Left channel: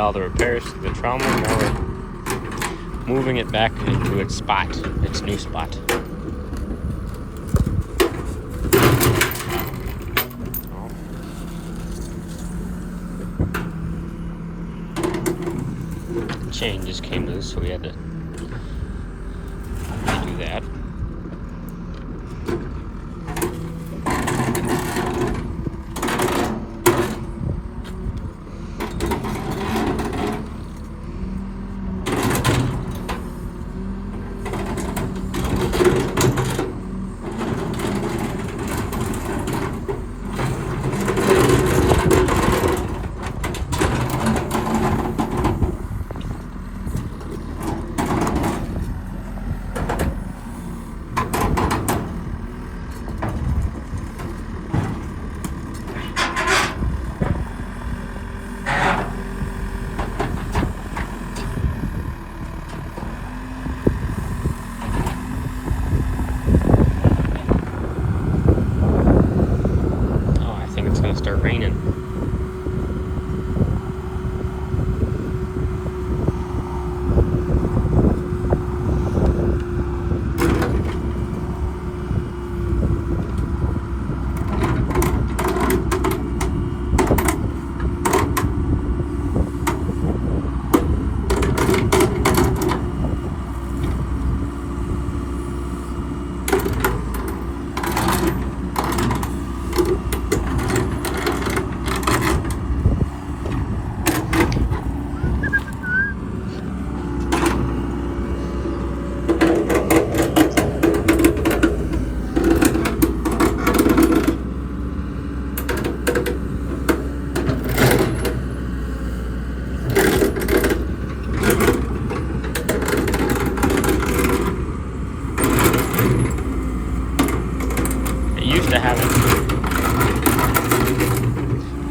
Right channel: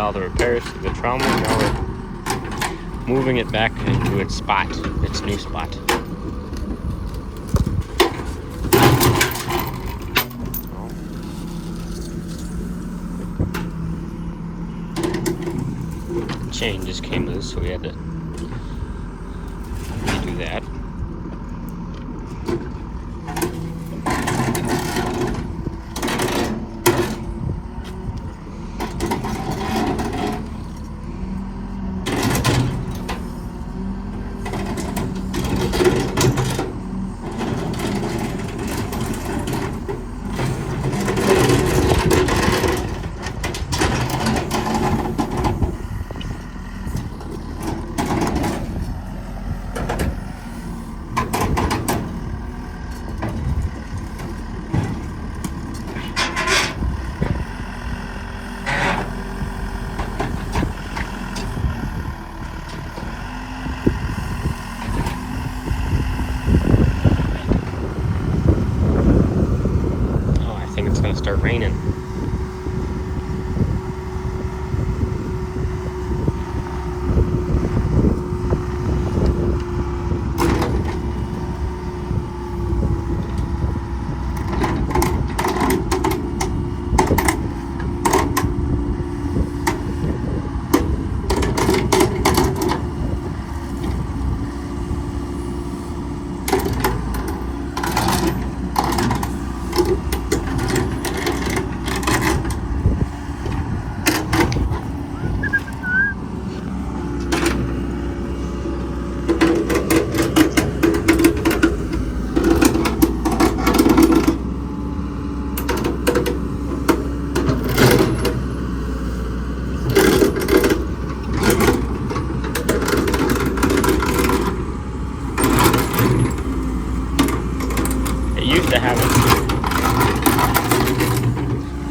all the repairs to the trauma. Now we're moving it back into its spot, its new spot. Chain just came loose, so we had to do that. Start raining.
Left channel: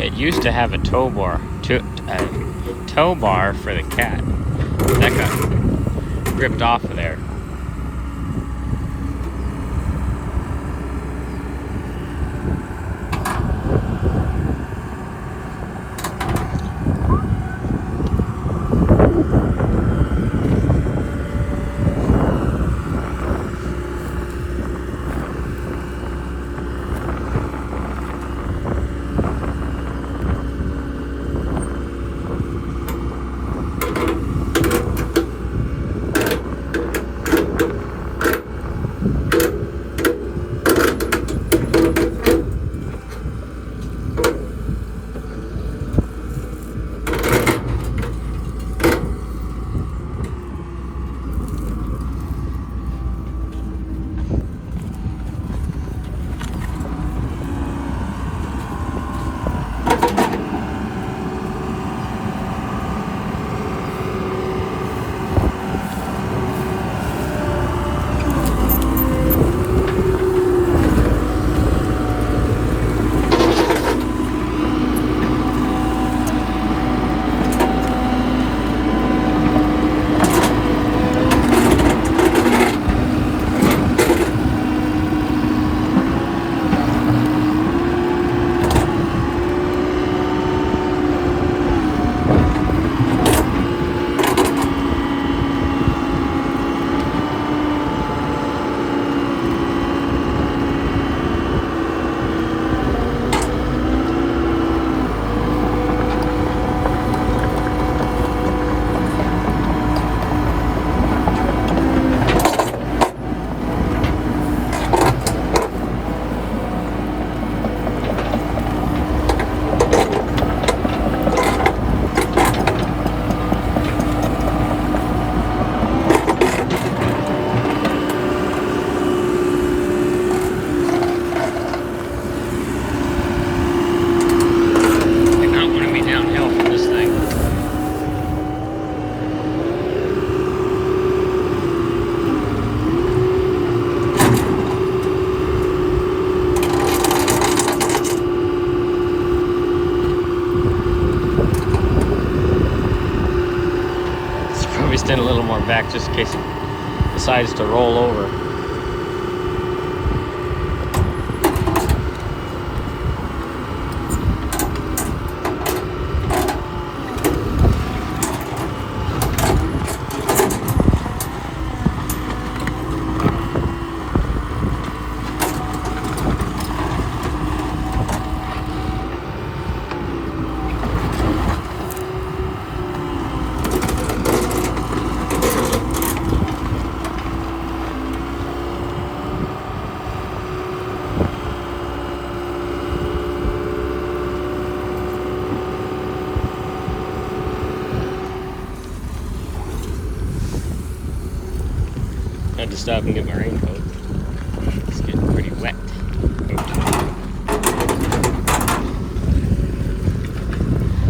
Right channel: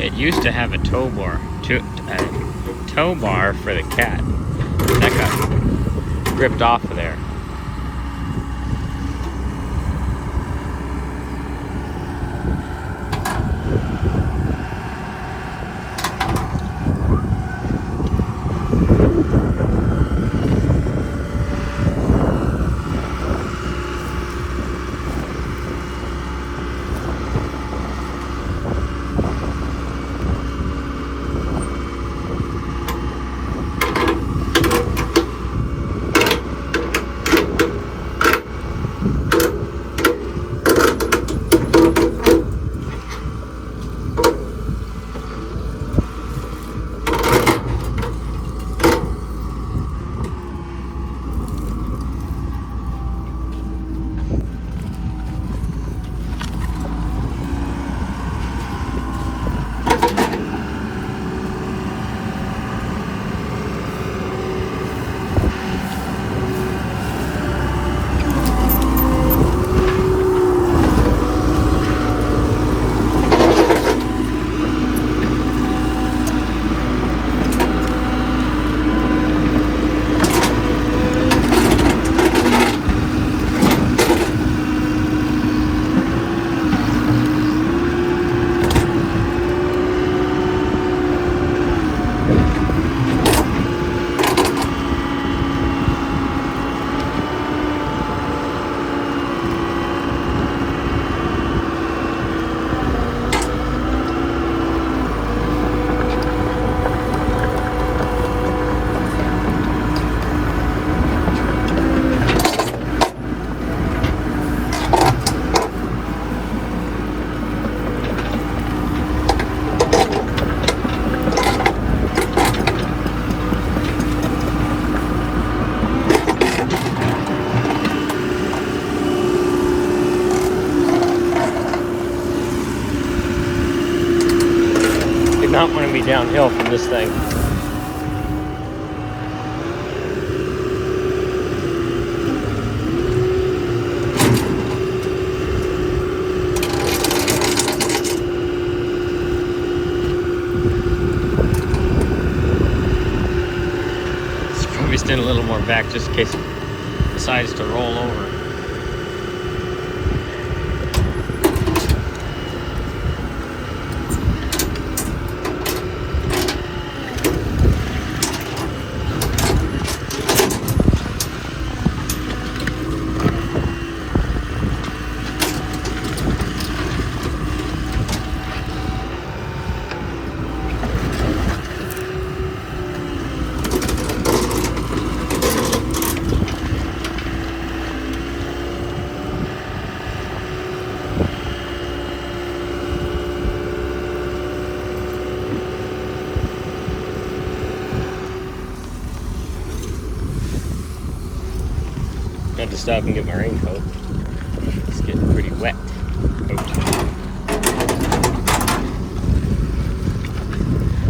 It used to have a tow bar for the cat. That got ripped off of there. Not want to be downhill from this thing. Let's probably stand a little more back just in case it decides to roll over. stop and get my raincoat. It's getting pretty wet.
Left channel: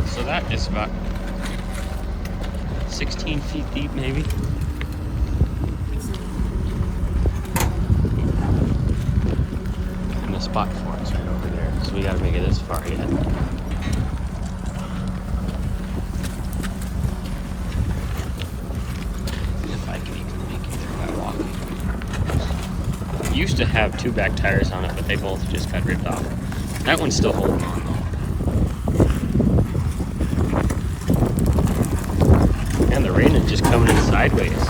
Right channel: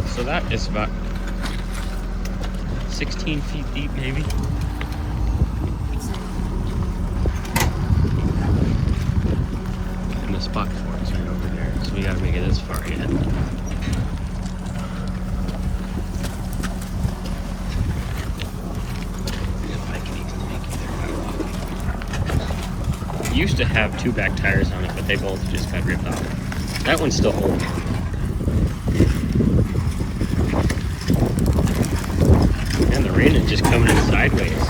So that is about 16 feet deep, maybe. And the spot for it's right over there, so we gotta make it this far ahead. Used to have two back tires on it, but they both just got ripped off. That one's still holding on. And the rain is just coming in sideways.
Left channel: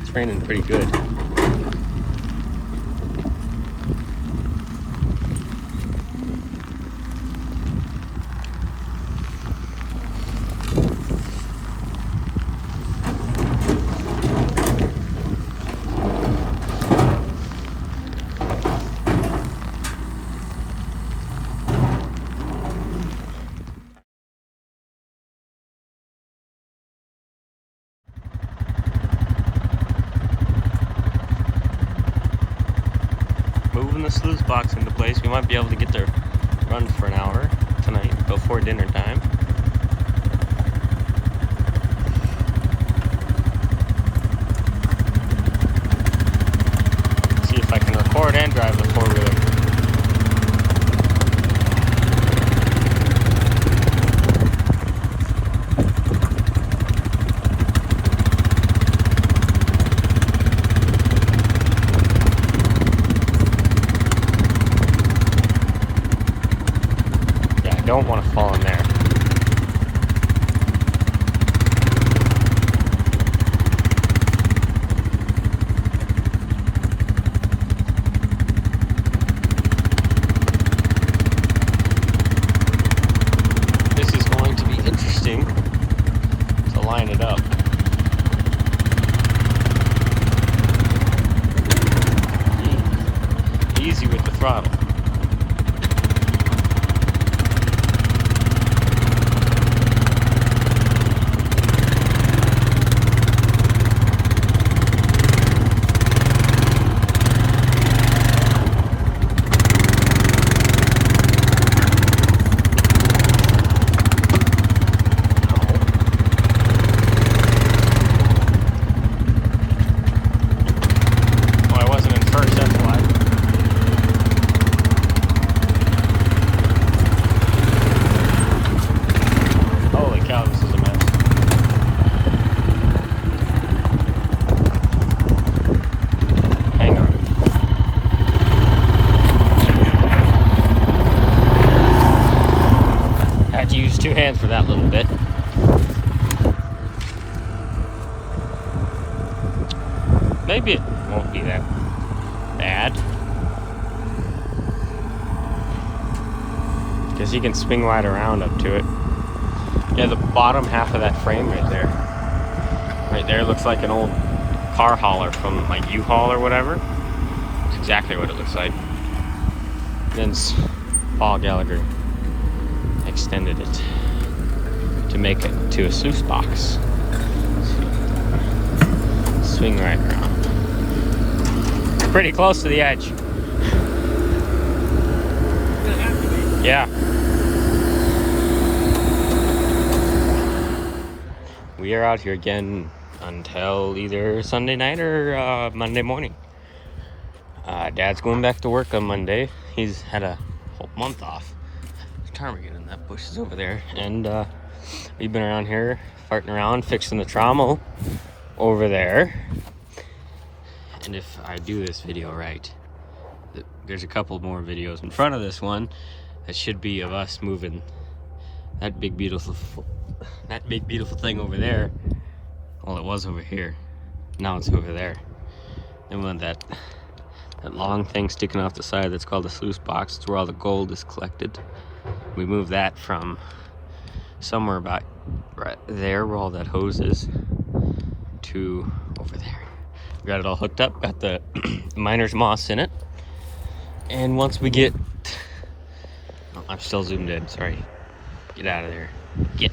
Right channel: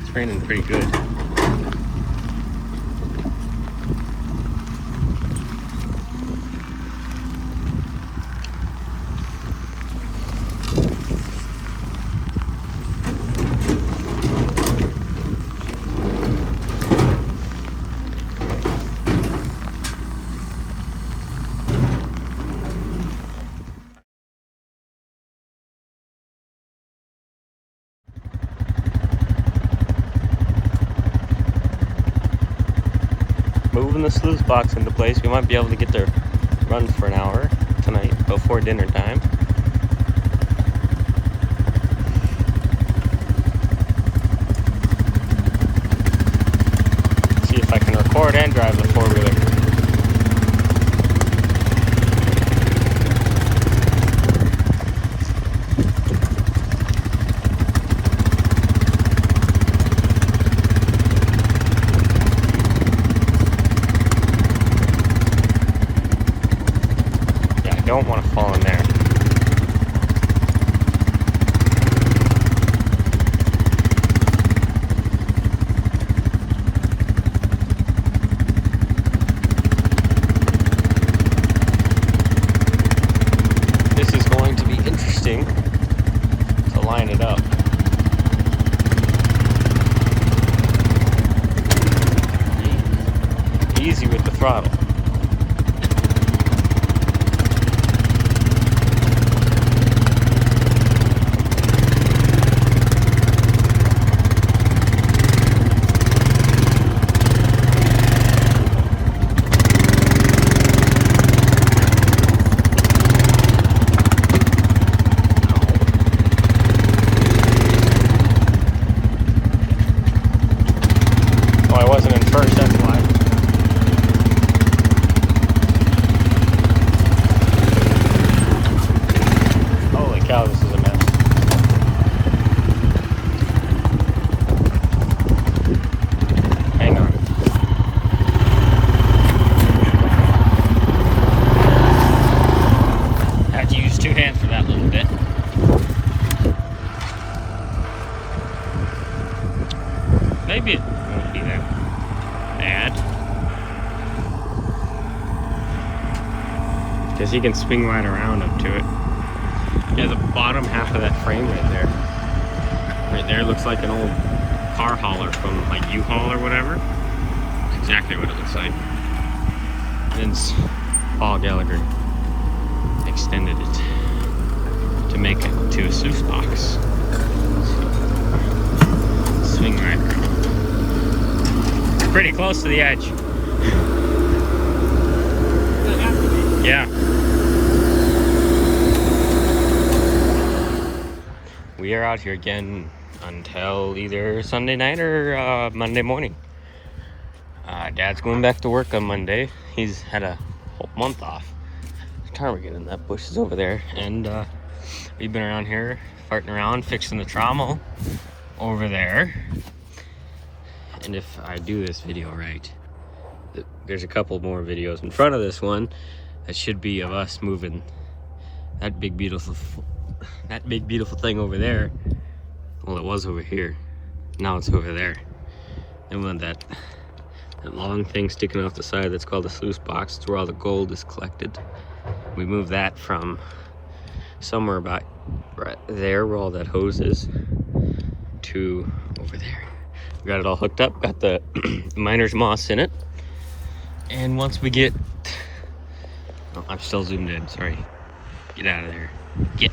It's raining pretty good. Moving the sluice box into place. We might be able to get there run for an hour tonight before dinner time. See if I can record and drive the four-wheeler. Don't want to fall in there. This is going to be interesting to line it up. Easy with the throttle. Maybe it won't be that bad. Because you can swing right around up to it. Yeah, the bottom half of that frame right there. Right there looks like an old car hauler from like U-Haul or whatever. That's exactly what it looks like. And Paul Gallagher extended it to make it to a sluice box. Swing right around. Pretty close to the edge. Yeah. We are out here again until either Sunday night or Monday morning. Dad's going back to work on Monday. He's had a whole month off. Ptarmigan in that bush is over there. And we've been around here farting around, fixing the trommel over there. And if I do this video right, there's a couple more videos in front of this one that should be of us moving that big beautiful thing over there Well, it was over here. Now it's over there. And when that long thing sticking off the side that's called a sluice box, it's where all the gold is collected. We moved that from somewhere about right there where all that hose is to over there. We got it all hooked up, got the miner's moss in it. And once we get, oh, I'm still zoomed in, sorry. Get out of there. Get.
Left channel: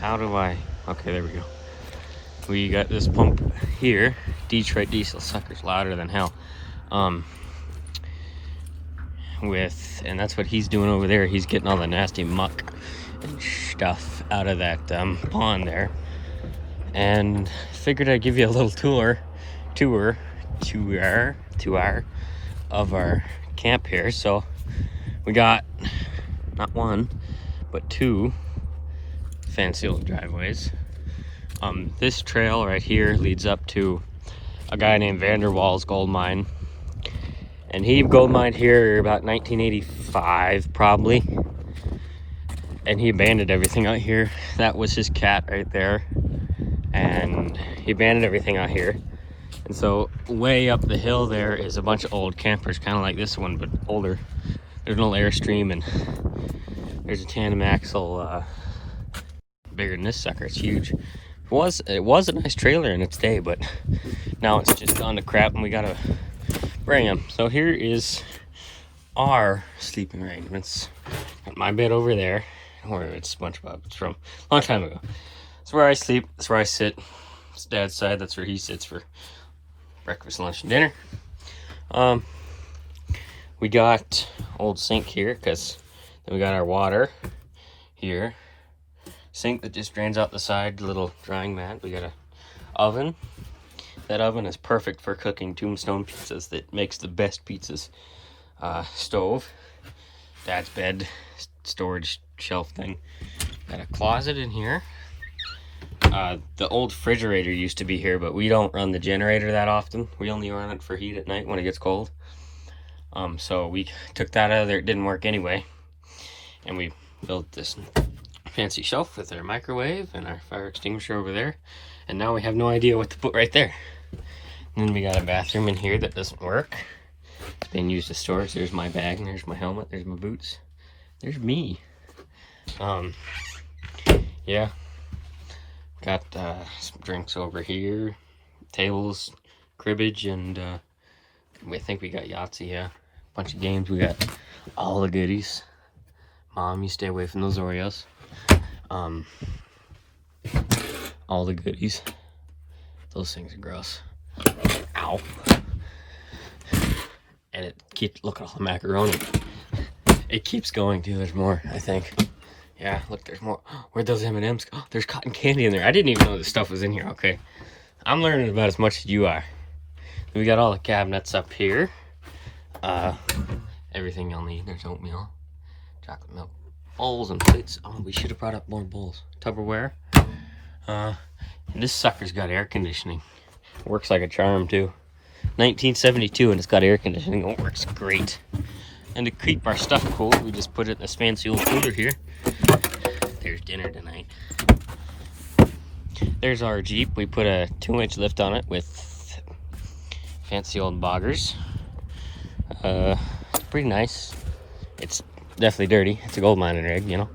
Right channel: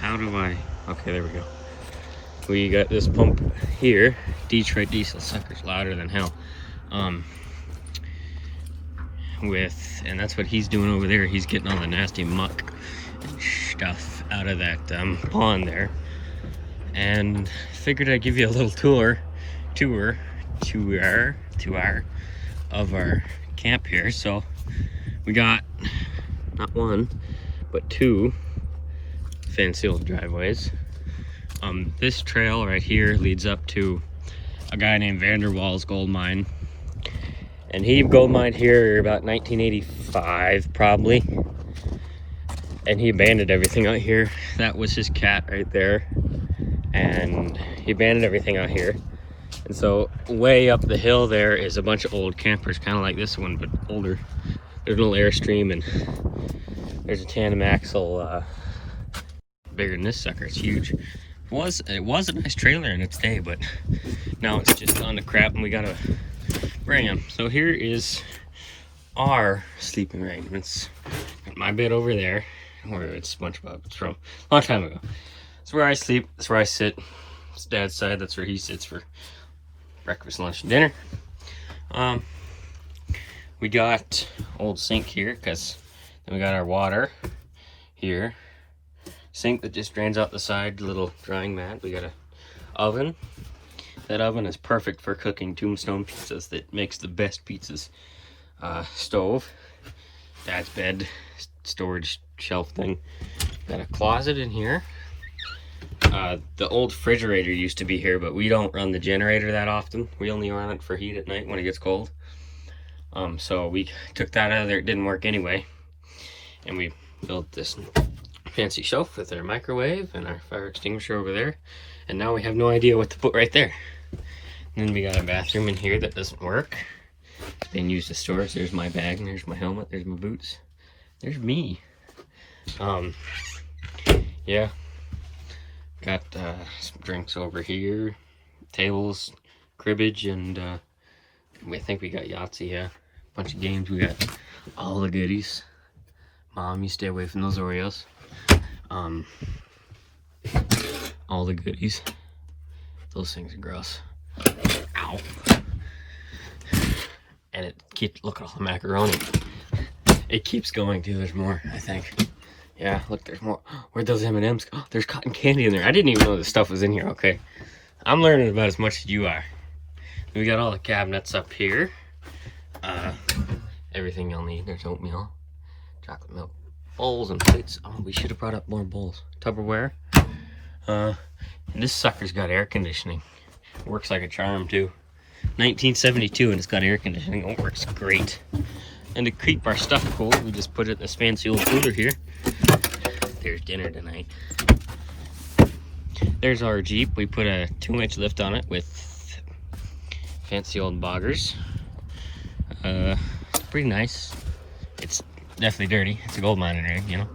How do I, okay, there we go. We got this pump here, Detroit diesel, sucker's louder than hell. And that's what he's doing over there. He's getting all the nasty muck and stuff out of that pond there. And figured I'd give you a little tour of our camp here. So we got not one, but two fancy old driveways. This trail right here leads up to a guy named Vanderwall's gold mine. And he gold mined here about 1985, probably. And he abandoned everything out here. That was his cat right there. And he abandoned everything out here. And so way up the hill there is a bunch of old campers, kind of like this one, but older. There's an old Airstream, and there's a tandem axle, bigger than this sucker. It's huge. It was a nice trailer in its day, but now it's just gone to crap, and we gotta bring him. So here is our sleeping arrangements. Got my bed over there, or it's SpongeBob. It's from a long time ago. It's where I sleep. It's where I sit. It's Dad's side. That's where he sits for breakfast, lunch, and dinner. We got old sink here, because then we got our water here. Sink that just drains out the side, little drying mat. We got a oven. That oven is perfect for cooking Tombstone pizzas. That makes the best pizzas. Stove, Dad's bed, storage shelf thing. Got a closet in here. The old refrigerator used to be here, but we don't run the generator that often. We only run it for heat at night when it gets cold. So we took that out of there. It didn't work anyway. And we built this fancy shelf with our microwave and our fire extinguisher over there. And now we have no idea what to put right there. And then we got a bathroom in here that doesn't work. It's being used as storage. There's my bag, and there's my helmet, there's my boots. There's me. Yeah. Got some drinks over here, tables, cribbage, and I think we got Yahtzee, yeah. Bunch of games. We got all the goodies. Mom, you stay away from those Oreos. All the goodies. Those things are gross. Ow. And it keeps, look at all the macaroni. It keeps going too. There's more, I think. Yeah, look, there's more. Where'd those M&Ms go? Oh, there's cotton candy in there. I didn't even know this stuff was in here. Okay. I'm learning about as much as you are. We got all the cabinets up here. Everything you'll need. There's oatmeal, chocolate milk, bowls and plates. Oh, we should have brought up more bowls. Tupperware. This sucker's got air conditioning. Works like a charm too. 1972, and it's got air conditioning. It works great. And to keep our stuff cool, we just put it in this fancy old cooler here. There's dinner tonight. There's our Jeep. We put a 2-inch lift on it with fancy old boggers. It's pretty nice. It's definitely dirty. It's a gold miner egg, you know.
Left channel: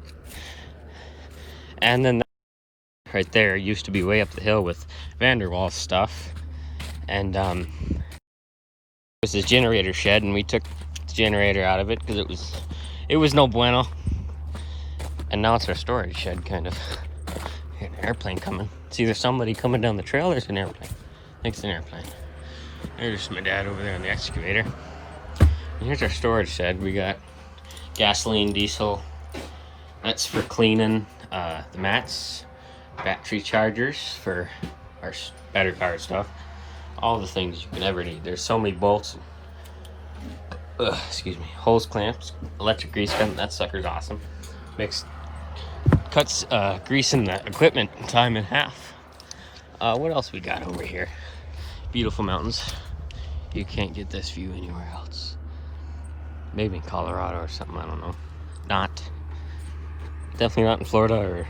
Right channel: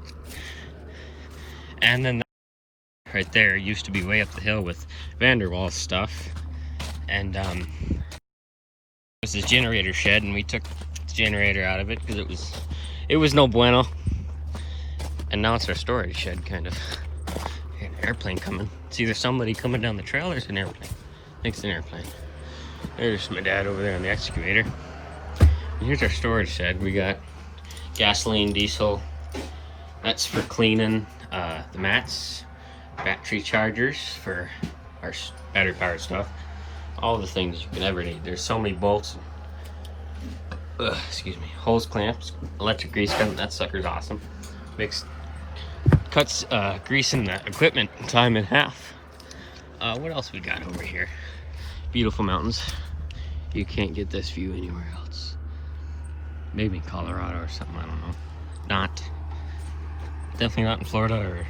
And then right there used to be way up the hill with Vanderwall stuff. And it was this generator shed, and we took the generator out of it because it was no bueno. And now it's our storage shed, kind of. An airplane coming. It's either somebody coming down the trail or it's an airplane. I think it's an airplane. There's my dad over there on the excavator. And here's our storage shed. We got gasoline, diesel. That's for cleaning the mats. Battery chargers for our battery powered stuff. All the things you can ever need. There's so many bolts. Excuse me. Hose clamps. Electric grease gun. That sucker's awesome. Cuts grease in the equipment time in half. What else we got over here? Beautiful mountains. You can't get this view anywhere else. Maybe in Colorado or something, I don't know. Not. Definitely not in Florida or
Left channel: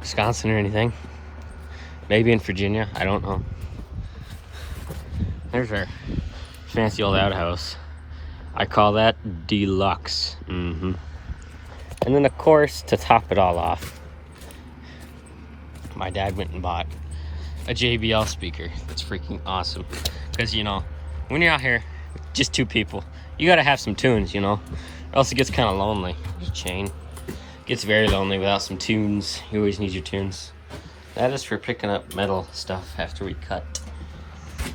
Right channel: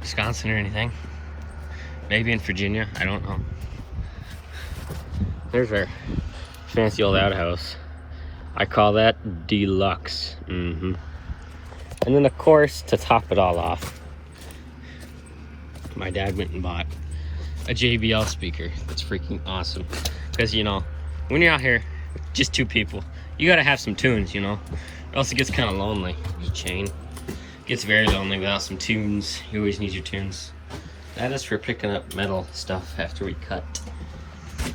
Wisconsin or anything. Maybe in Virginia, I don't know. There's our fancy old outhouse. I call that deluxe. And then of course, to top it all off, my dad went and bought a JBL speaker. That's freaking awesome. Because, you know, when you're out here with just two people, you gotta have some tunes, you know? Or else it gets kind of lonely. The chain gets very lonely without some tunes. You always need your tunes. That is for picking up metal stuff after we cut.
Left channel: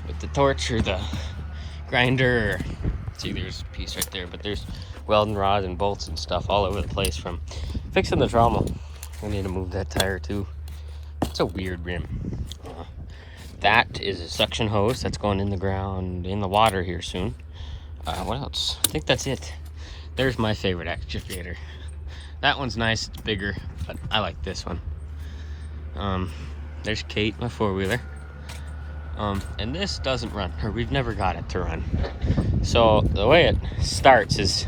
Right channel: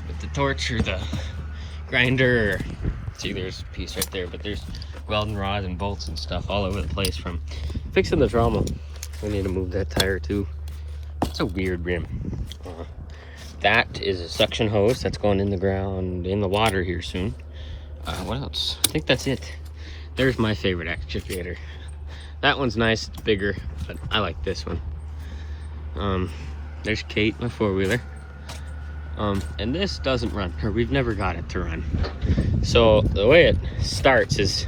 With the torch or the grinder. See, there's a piece right there, but there's welding rods and bolts and stuff all over the place from fixing the trommel. I need to move that tire too. It's a weird rim. That is a suction hose that's going in the ground, in the water here soon. What else? I think that's it. There's my favorite excavator. That one's nice, it's bigger, but I like this one. There's Kate, my four-wheeler. And this doesn't run, or we've never got it to run. So the way it starts is,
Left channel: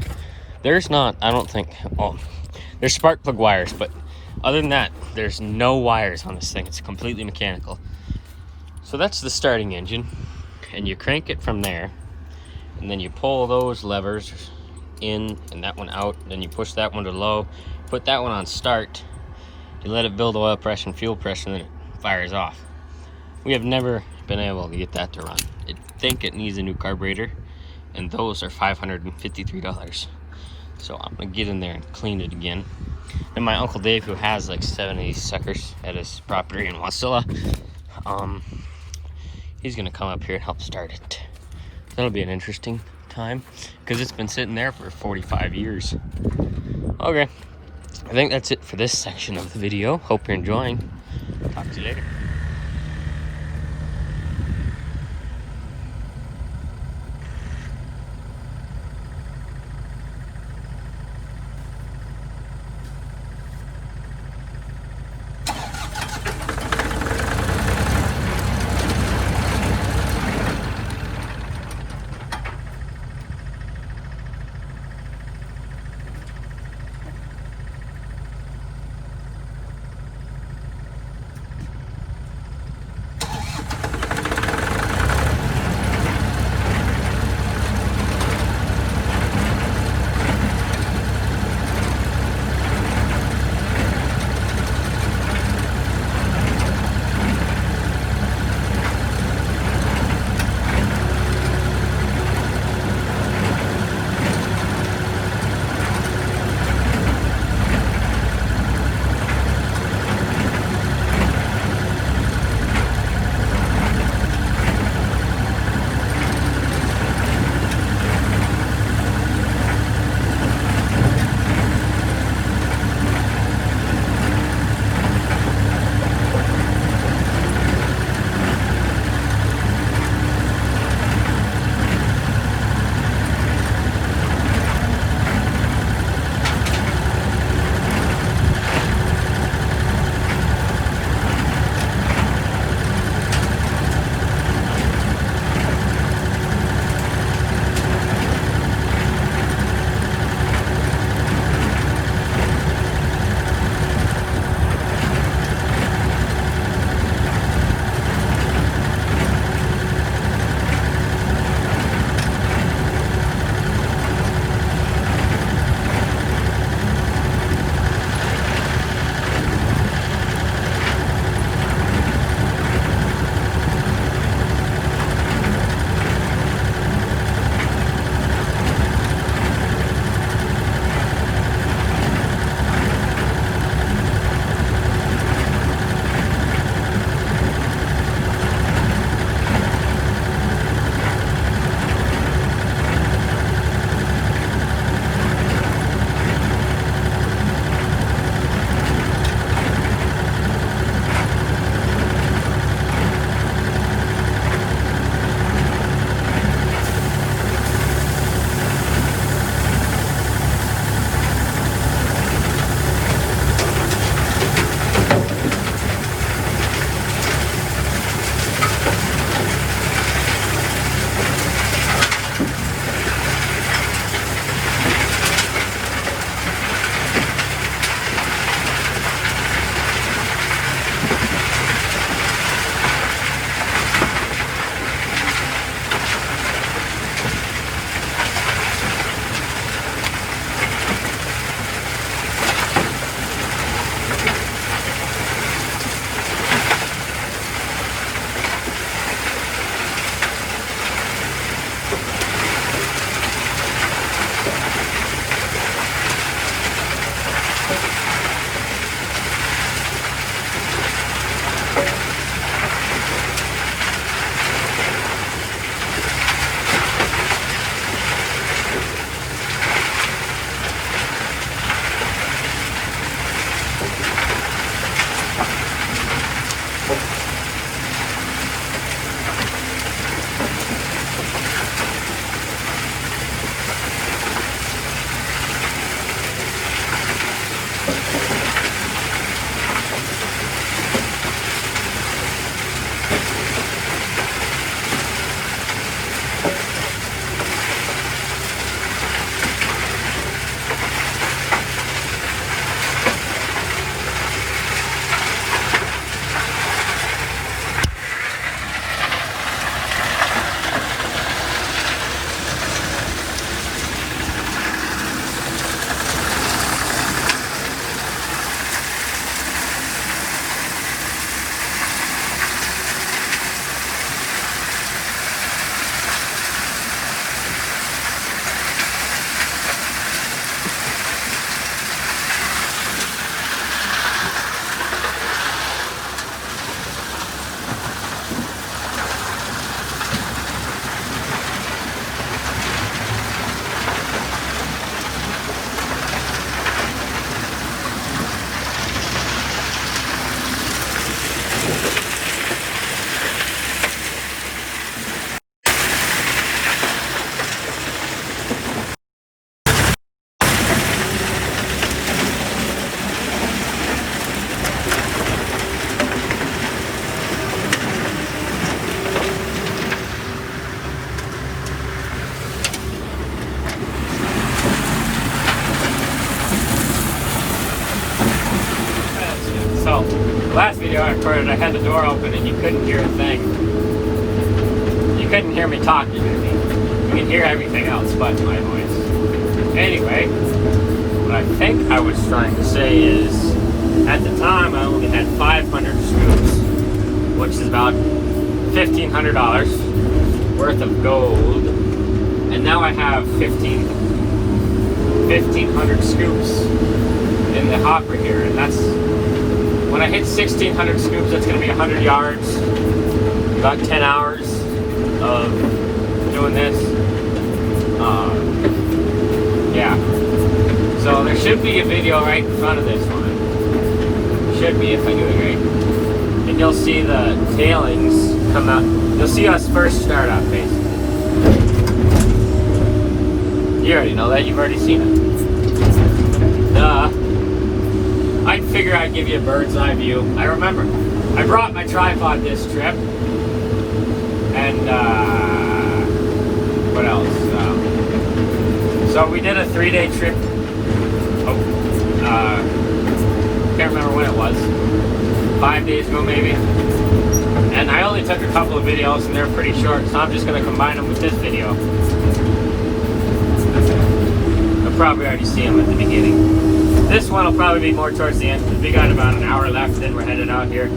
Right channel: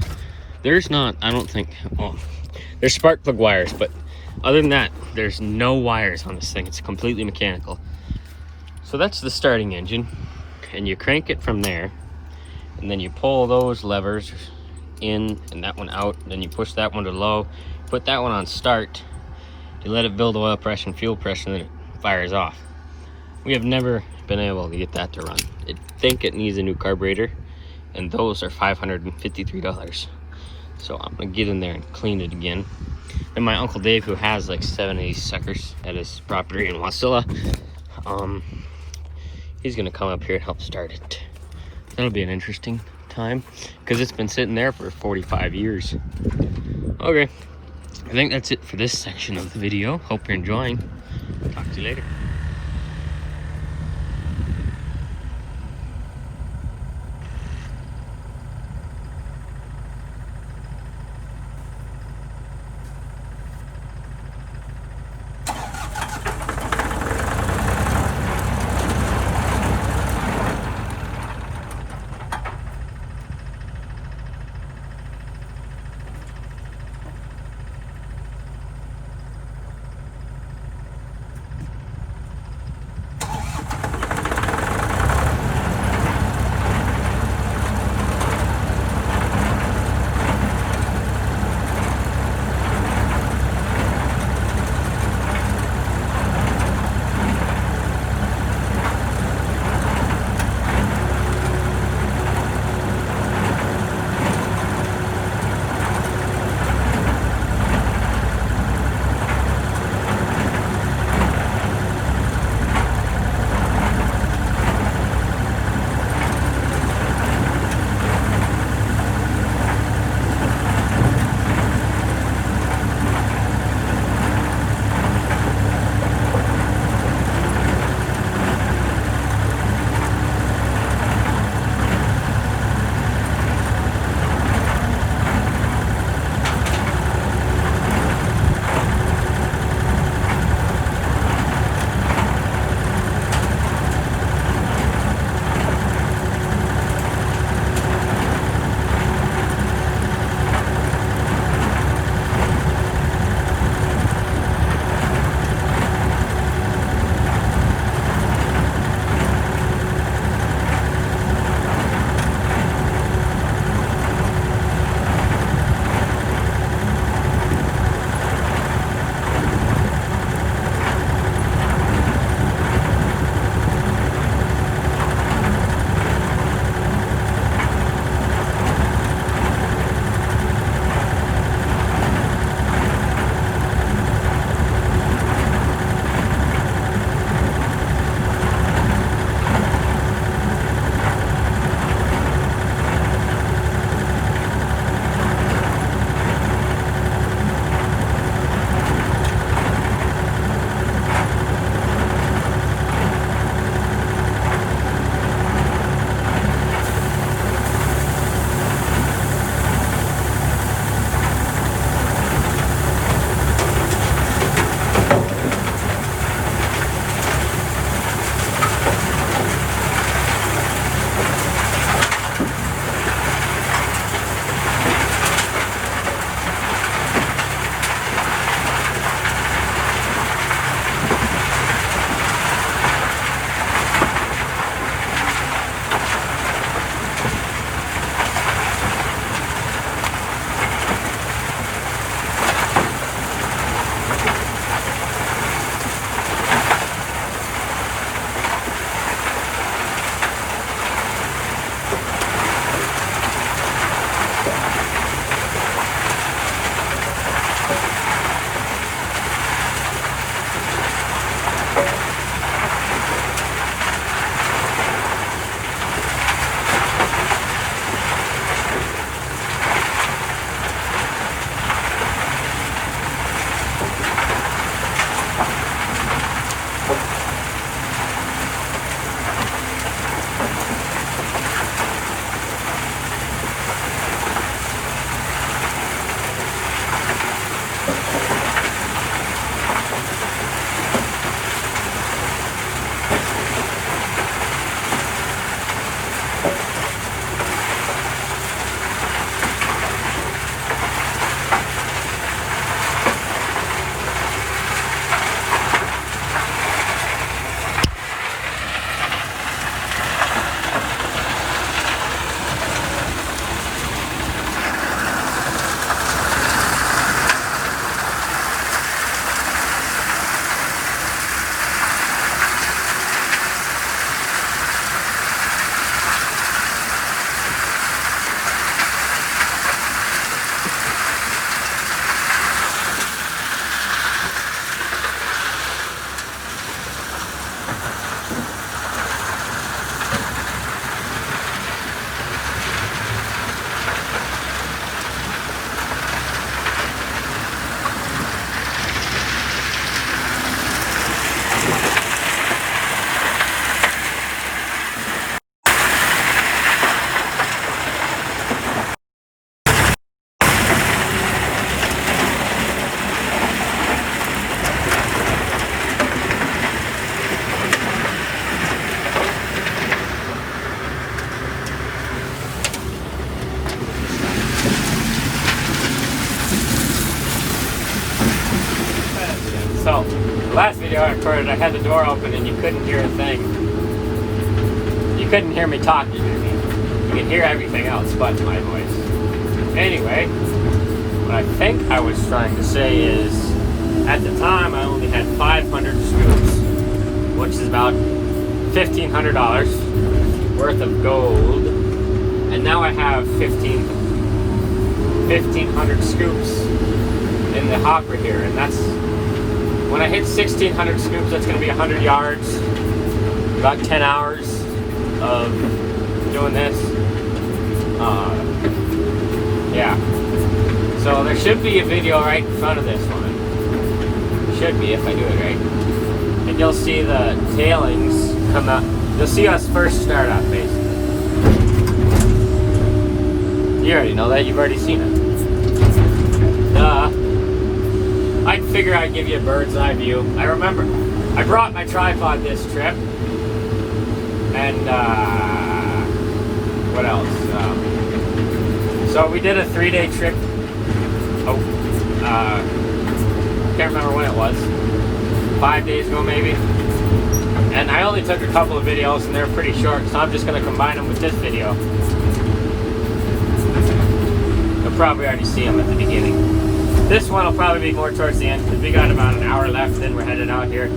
there's not, I don't think, well, there's spark plug wires, but other than that, there's no wires on this thing. It's completely mechanical. So that's the starting engine, and you crank it from there, and then you pull those levers in and that one out, then you push that one to low, put that one on start, you let it build oil pressure and fuel pressure, and then it fires off. We have never been able to get that to run. I think it needs a new carburetor, and those are $553. So I'm gonna get in there and clean it again. And my Uncle Dave, who has like 7 of these suckers at his property in Wasilla, he's gonna come up here and help start it. That'll be an interesting time, because it's been sitting there for 45 years. Okay, I think that's it for this section of the video. Hope you're enjoying. Talk to you later. on and you couldn't hear a thing. You couldn't hear me talking to me. You could hear everything else but my voice. Anyway, what I think I was trying to say is, at the time I only had 500 scoops, which is about $1,500 worth of gold. And now I have 1,500 scoops in the hopper here, and that's when I hit 1,600 scoops. That's going to be 100 yards, about 10 hours of doing this. Yeah, so there should be a video right in front of this one. Should be if I do it right, and you'll see the tailings come up. You'll see us first start up, basically. You already know that. You've already seen it. I'd figure I'd give you a bird's eye view. I remember I brought my tripod this trip, and what else? So we did a 3-day trip. Can't remember when it was. 5 days ago, maybe. And I only took a couple of videos, and they're pretty short, so I'm just going to combine them with this video. Probably already see them at the beginning. This one will probably be more towards the end because we got about an hour left, then we're headed out here.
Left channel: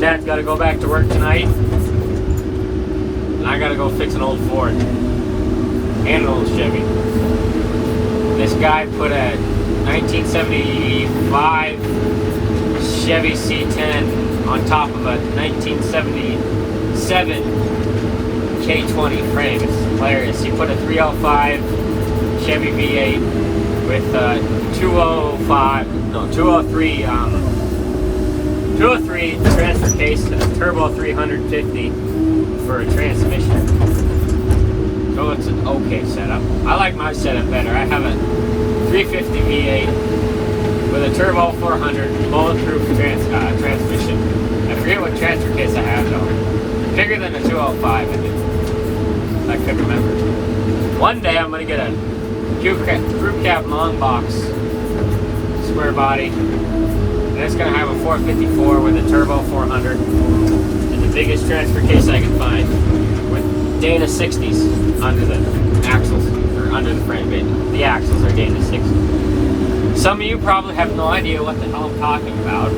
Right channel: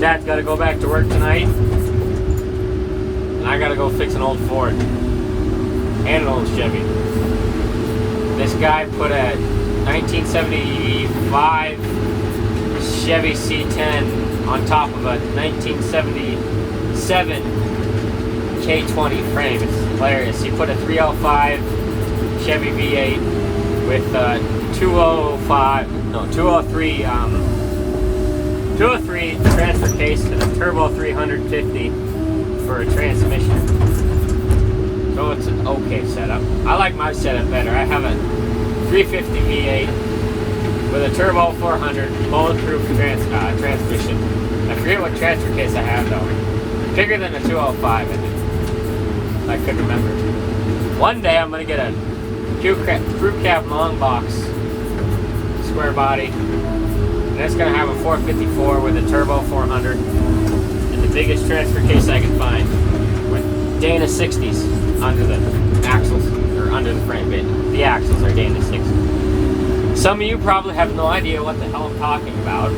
Dad's got to go back to work tonight, and I got to go fix an old Ford and an old Chevy. This guy put a 1975 Chevy C10 on top of a 1977 K20 frame. It's hilarious. He put a 305 Chevy V8 with 203 transfer case and a turbo 350 for a transmission. So it's an okay setup. I like my setup better. I have a 350 V8 with a turbo 400 bulletproof transmission. I forget what transfer case I have though. Bigger than a 205, I think. I couldn't remember. One day I'm going to get a crew cab long box square body, and it's going to have a 454 with a turbo 400 and the biggest transfer case I can find with Dana 60s under the axles, or under the frame. The axles are Dana 60s. Some of you probably have no idea what the hell I'm talking about.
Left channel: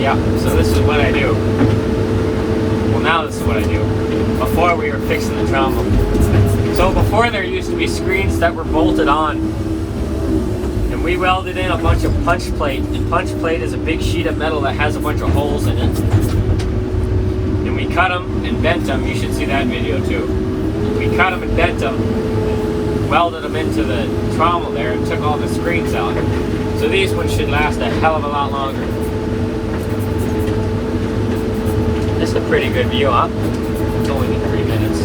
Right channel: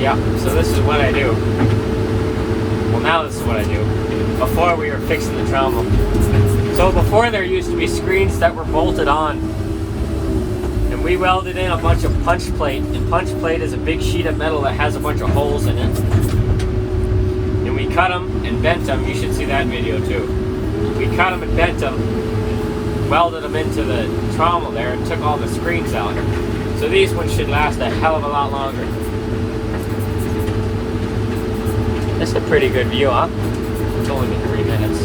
Yeah, so this is what I do. Well, now this is what I do. Before we were fixing the trombone. So before there used to be screens that were bolted on, and we welded in a bunch of punch plate, and punch plate is a big sheet of metal that has a bunch of holes in it. And we cut them and bent them. You should see that video too. We cut them and bent them, welded them into the trommel there, and took all the screens out. So these ones should last a hell of a lot longer. That's a pretty good view, huh? It's only been 3 minutes.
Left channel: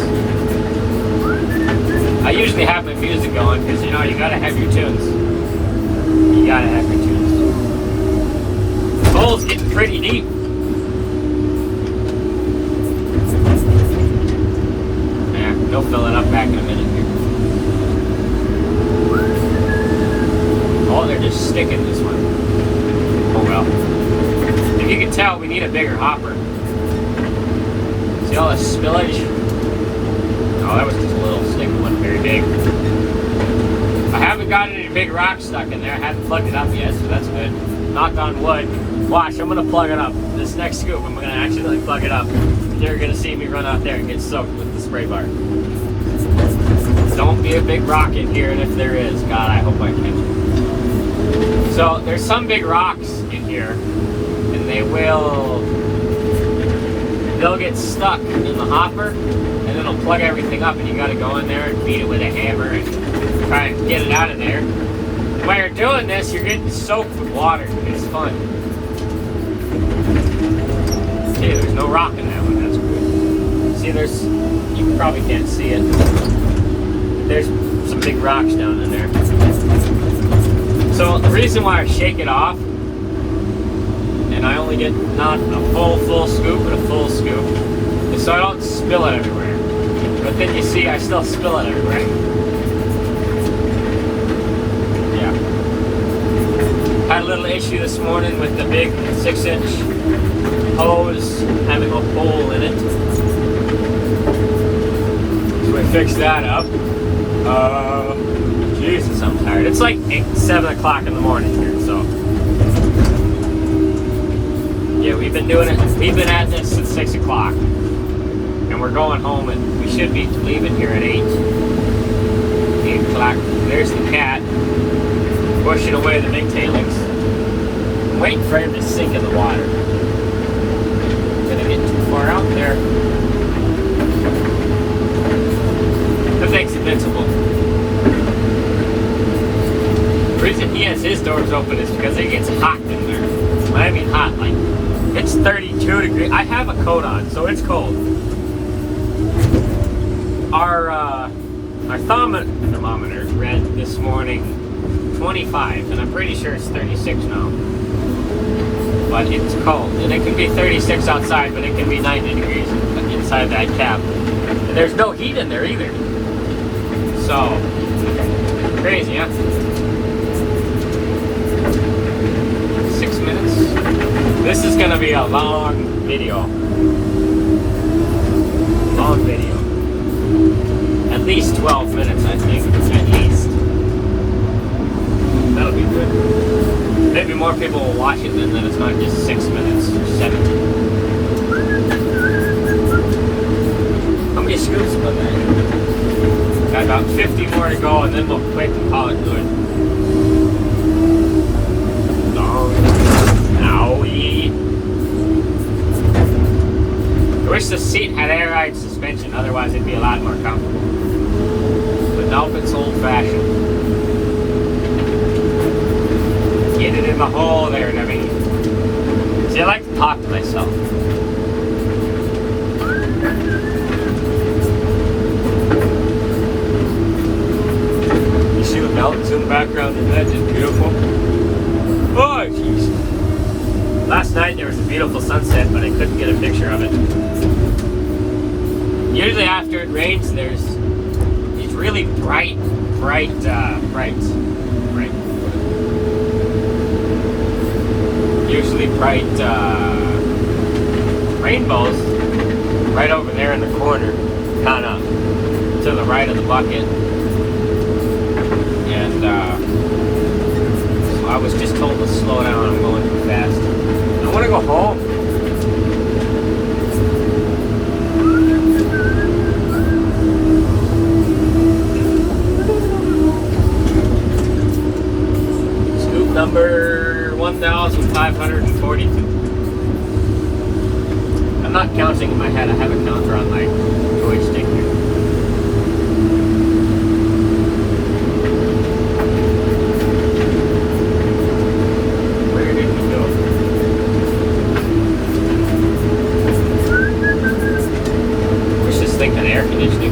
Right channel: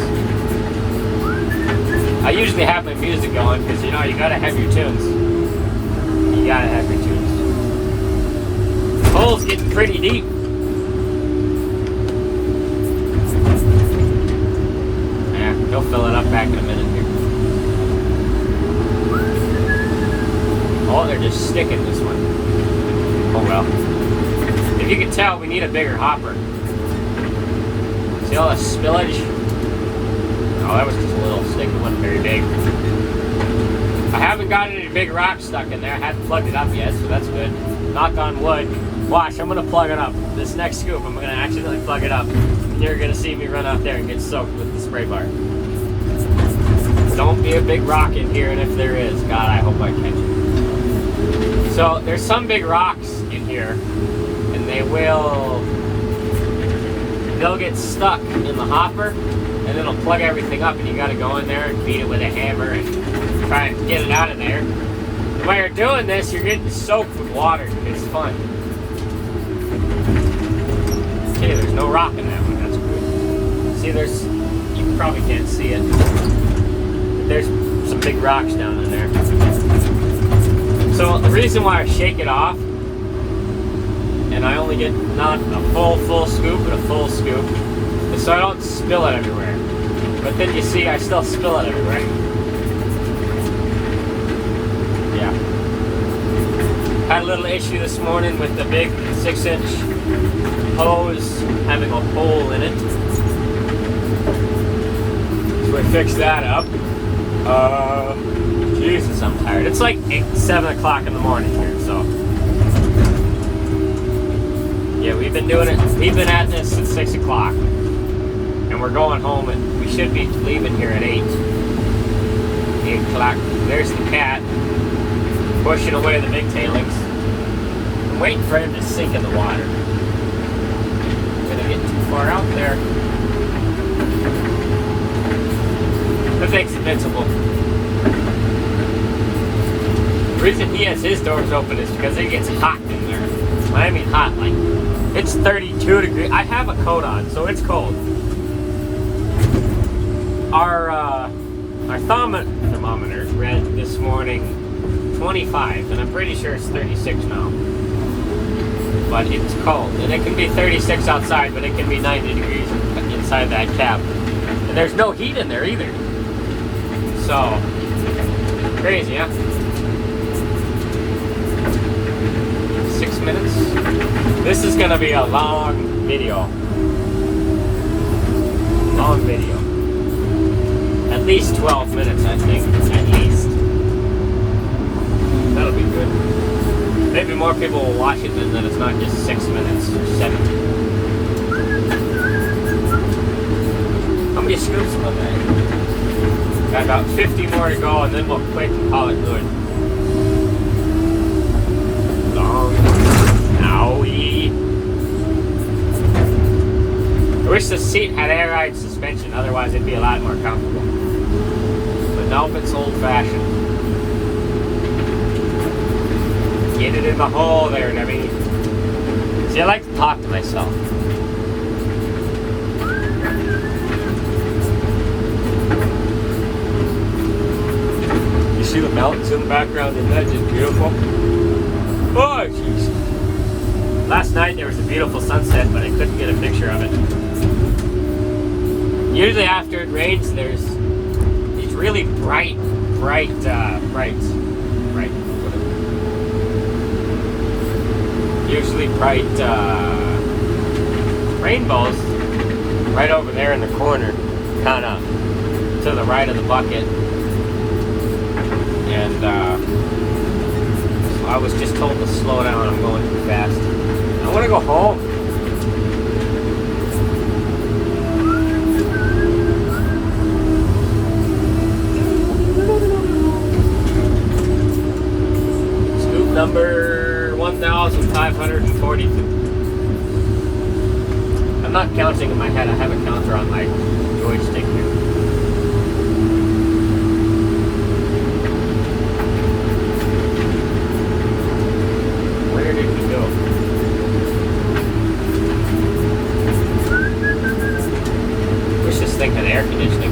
I usually have my music going because, you know, you gotta have your tunes. You gotta have your tunes. The hole's getting pretty deep. Yeah, they'll fill it up back in a minute here. Oh, they're just sticking this one. Oh well. If you can tell, we need a bigger hopper. See all that spillage? Oh, that was just a little slick one, very big. I haven't got any big rocks stuck in there. I haven't plugged it up yet, so that's good. Knock on wood. Watch, I'm going to plug it up. This next scoop, I'm going to actually plug it up. You're going to see me run out there and get soaked with the spray bar. Don't be a big rock in here, and if there is, God, I hope I catch it. So, there's some big rocks in here, and they'll get stuck in the hopper, and it'll plug everything up, and you gotta go in there and beat it with a hammer and try and get it out of there. While you're doing this, you're getting soaked with water. It's fun. Okay, there's no rock in that one. That's good. See, you probably can't see it. There's some big rocks down in there. So the reason why I shake it off, and I only get not a full scoop, but a full scoop, is so I don't spill it everywhere. But then you see, I still spill it everywhere. Yeah. Had a little issue this morning with the big 6-inch hose having a hole in it. So we fixed that up. Jesus, I'm tired. It's like 7 o'clock in the morning here, so. Yeah, we've been doing it. We've been at this since 6 o'clock. And we're going home, and we should be leaving here at 8 o'clock. There's the cat pushing away the big tailings. I'm waiting for him to sink in the water. Gonna get too far out there. The thing's invincible. The reason he has his doors open is because it gets hot in there. I mean hot, like it's 32 degrees. I have a coat on, so it's cold. Our thermometer read this morning 25, and I'm pretty sure it's 36 now. But it's cold, and it can be 36 outside, but it can be 90 degrees inside that cap. And there's no heat in there either. So, crazy, huh? 6 minutes. This is gonna be a long video. Long video. At least 12 minutes, I think. At least. That'll be good. Maybe more people will watch it then it's not just 6 minutes. 7. How many screws put there? Got about 50 more to go, and then we'll quick and call it good. I wish the seat had air ride suspension, otherwise it'd be a lot more comfortable. But nope, it's old-fashioned. Get it in the hole there and everything. See, I like to talk to myself. You see the mountains in the background of that, just beautiful. Oh, jeez. Last night there was a beautiful sunset, but I couldn't get a picture of it. Usually after it rains, there's these really bright, usually bright rainbows right over there in the corner, kind of to the right of the bucket. And so I was just told to slow down. I'm going too fast. I want to go home. Number 1,542. I'm not counting in my head. I have a counter on my Twitch thing here. Where did we go? Wish this thing had air conditioning.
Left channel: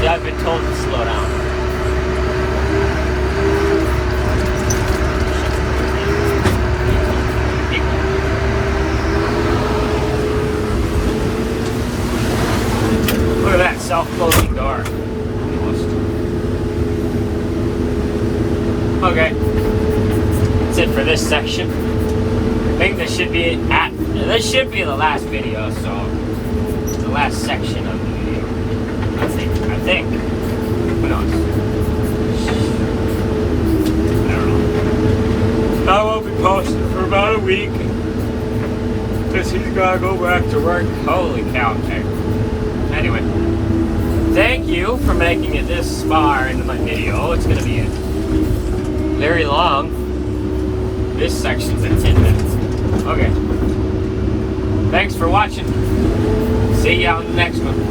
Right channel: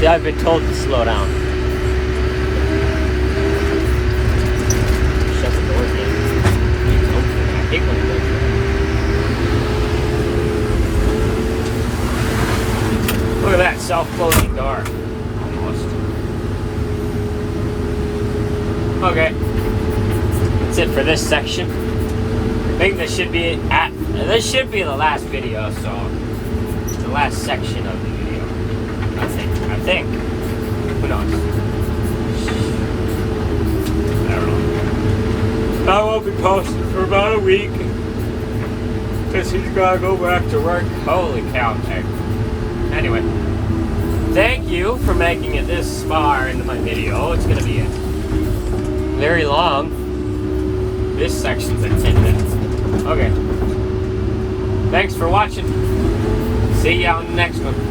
I've been told to slow down. Look at that self-closing door. Okay. That's it for this section. I think this should be the last video, so the last section of the I think. Who knows? gotta go back to work. Holy cow, okay. Anyway, thank you for making it this far into my video. It's gonna be very long. This section's at 10 minutes. Okay. Thanks for watching. See you on the next one.